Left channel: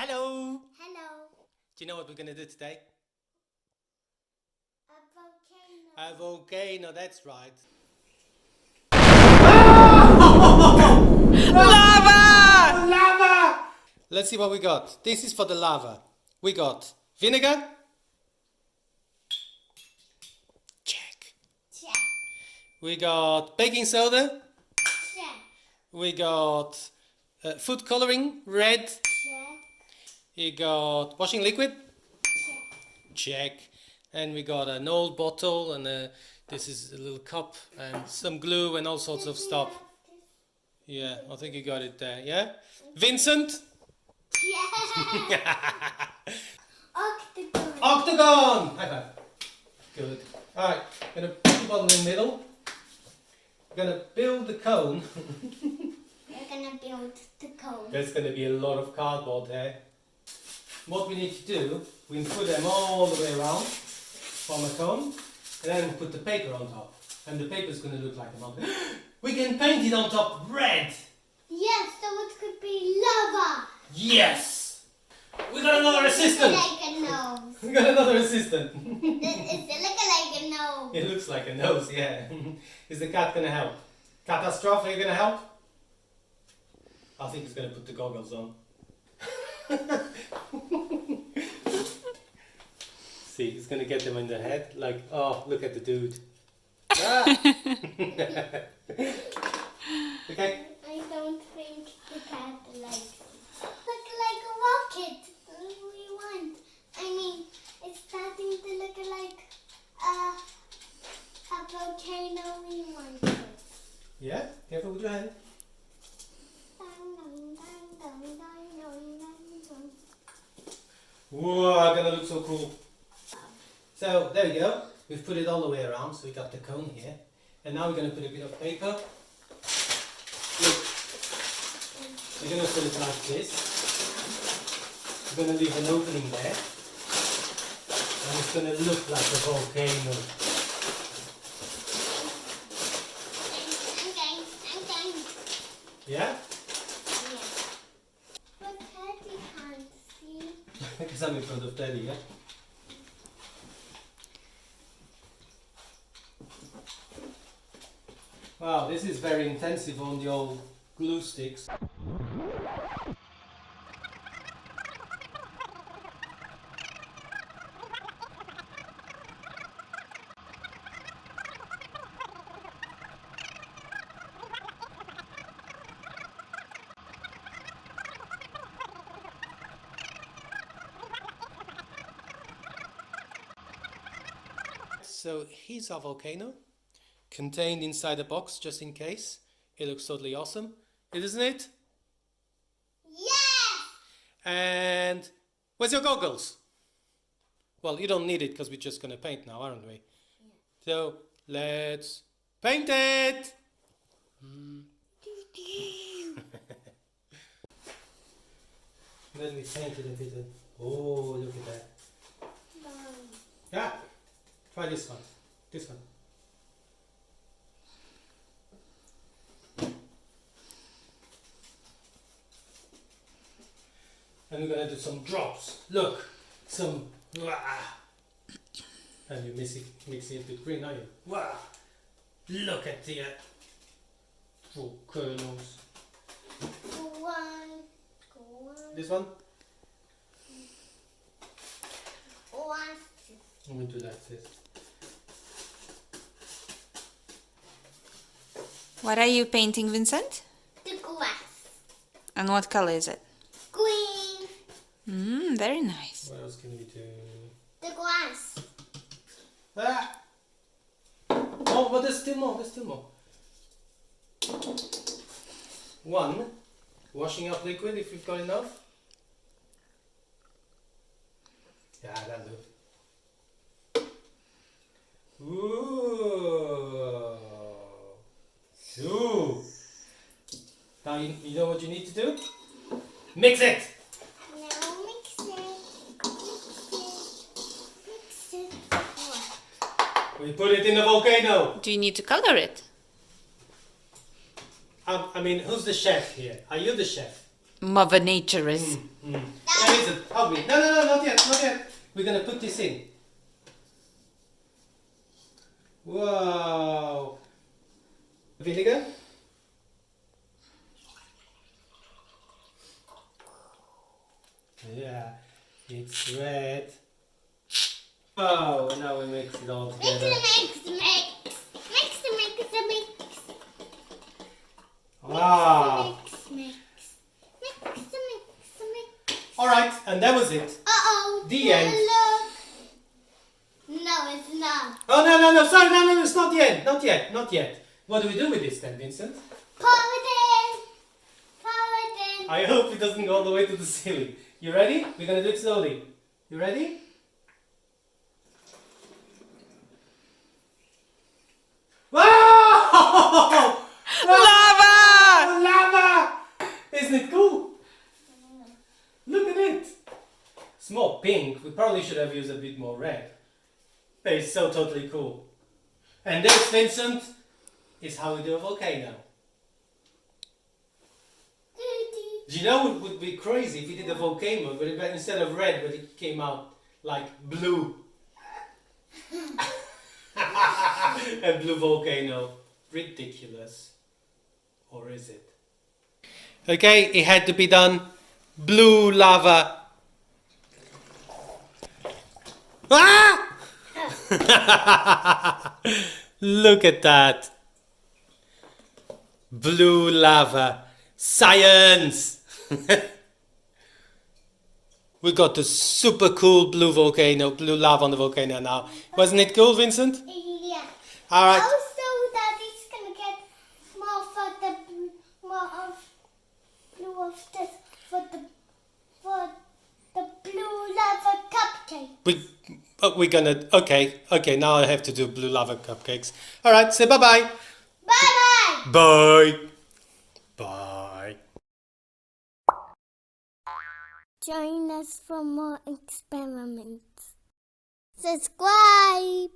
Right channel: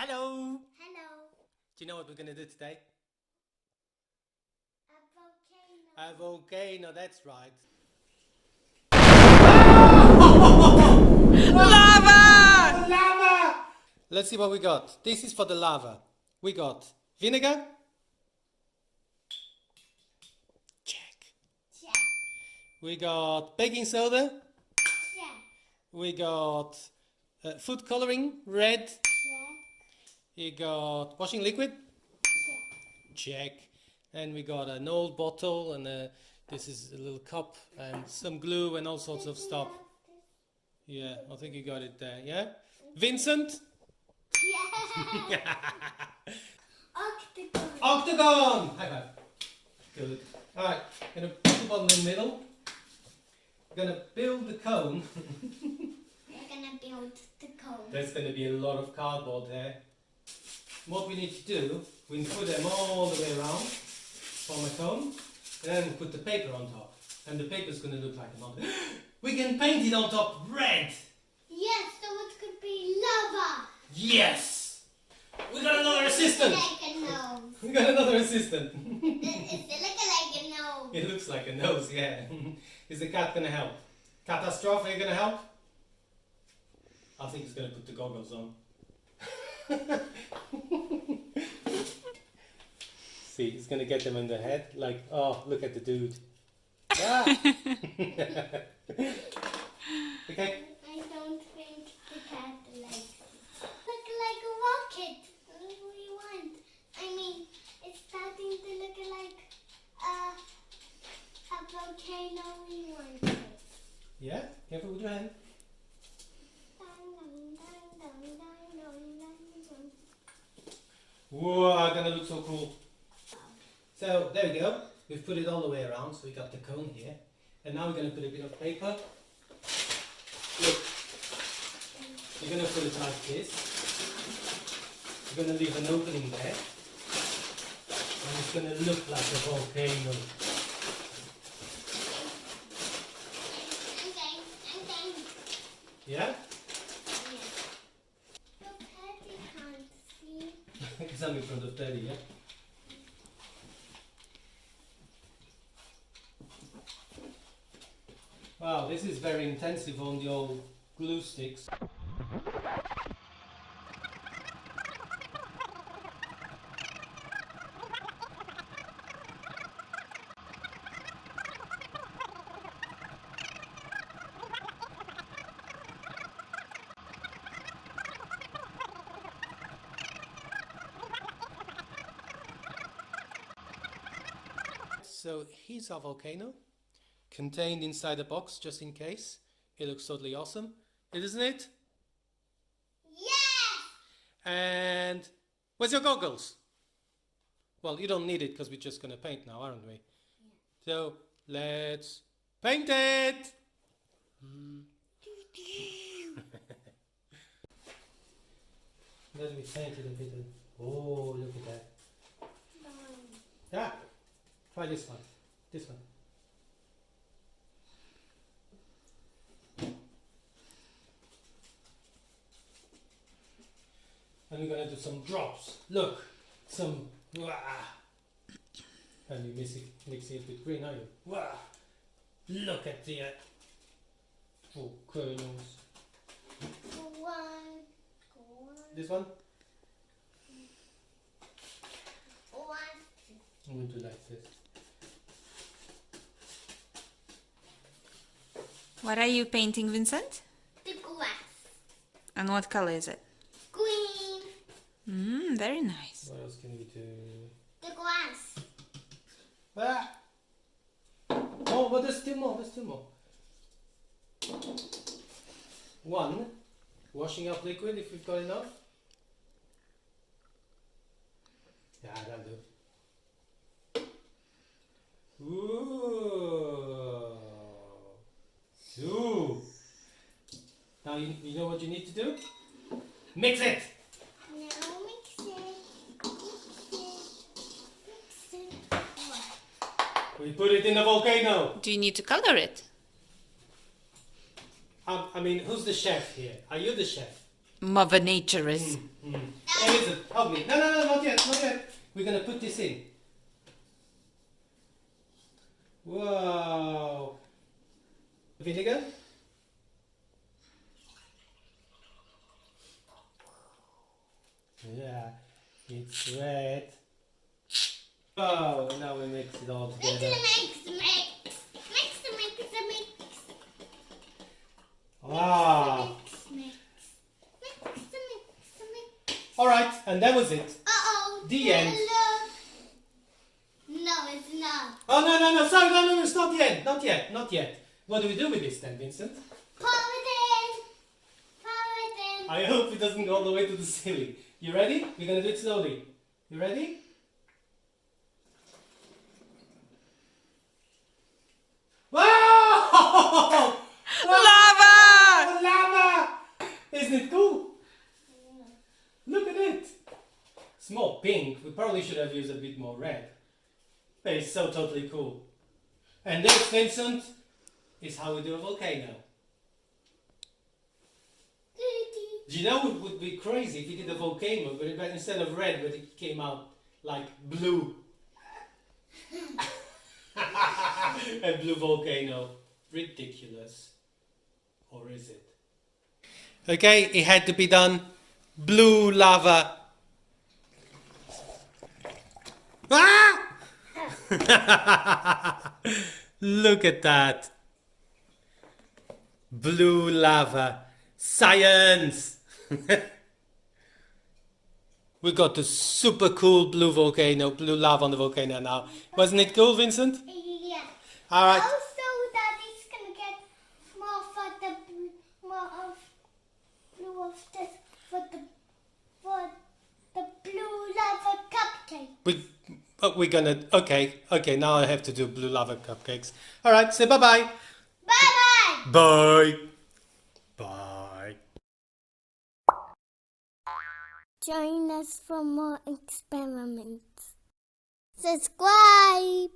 Hello! Hello. Do you know what we're going to do today? A volcano. A volcano, that's right. Lava! Lava! Let's see what we got. This is for the lava. We got vinegar. Check. Check. We got baking soda. Check. We got food coloring, red. Check. We got washing liquid. Check. Check. And we got an old bottle and this is a little cup and some glue and all sorts of stuff. Yeah, I think you got it there, yeah? Vincent? Yeah. Octagon. Octagon! High five. Good. Alright, gonna put the bottle in the middle. Gonna build the cone. We're gonna build the cone. There's gonna be a lot of cardboard there. What we need to do, we put them all the way around, form a cone, and then put the paper on top. And the paper's gonna look like a mountain. We can paint it on top red! Yes, so it could be lava. Yes! We got another assistant! Like a nose. We got another assistant! It's like a nose. It looks like a nose, yeah. Is the cat gonna help? Cat Astrov, are you gonna help? I think he's gonna put the goggles on. See, he's gonna get them in the head, like, oh, look at the dude. Ah. Okay. I don't think the cat likes it. Look like a rocket. We want. I mean, it's starting to look like a volcano. We want it. Yeah? Careful with your hand. Whoa, gonna look so cool. So there we go. We've put it all the way around, so we got the cone here. And now we're gonna put a bit of paper. Look, we're gonna put it like this. We're gonna leave an opening there. And it's gonna look like a volcano. Yeah? But Daddy can't see. Because I'm in front of Daddy, yeah? Wow, this is very intensive on the old glue sticks. So here's our volcano, contained inside a box just in case. It looks totally awesome, isn't it? Yes! And where's your goggles? Well, you don't need it because we're just going to paint now, aren't we? Yeah. So let's paint it! Then we paint it a bit. Oh, look at that. Yeah, try this one. This one. And we're gonna do some drops. Look, some. And you mix it with green, are you? Look at the volcanoes. Go on. This one? I'm going to do like this. What are you painting, Vincent? The grass. And what color is it? Green. Very nice. What else can we do? The grass. Ah! Oh, but there's still more. There's still more. One, washing up liquid if you've got enough. Yeah, that'll do. Ooh. Ooh. Now you know what you need to do? Mix it! Now mix it. Mix it. We put it in the volcano. Do you need to color it? I mean, who's the chef here? Are you the chef? Mother Nature is. Now listen, help me. No, not yet, not yet. We're gonna put this in. Wow. Vinegar. Yeah, it's red. Oh, now we mix it all together. Mix. Wow. Mix. Alright, and that was it. Uh-oh. The end. No, it's not. Oh, no, sorry, no, it's not yet. Not yet. What do we do with this then, Vincent? Pour it in. I hope it doesn't go all the way to the ceiling. You ready? We're gonna do it slowly. You ready? Wow! Lava! Lava! Isn't it cool? Look at it. It's more pink. We probably should have used a bit more red. But it's so totally cool. And this, Vincent, is how we do a volcano. Do you know it would be crazy if we did a volcano, but instead of red, but it came out like blue. A blue volcano. Ridiculous. Or is it? Okay, it had to be done. Blue lava. Ah! Look at that. Blue lava. Science! We got the super cool blue volcano, blue lava on the volcano now. Wasn't it cool, Vincent? Yeah. Alright. Also, Daddy's gonna get more of blue of this for the blue lava cupcake. We're gonna, okay, now I have to do blue lava cupcakes. Alright, say bye-bye. Bye-bye. Bye. Bye. Join us for more experiments. Subscribe.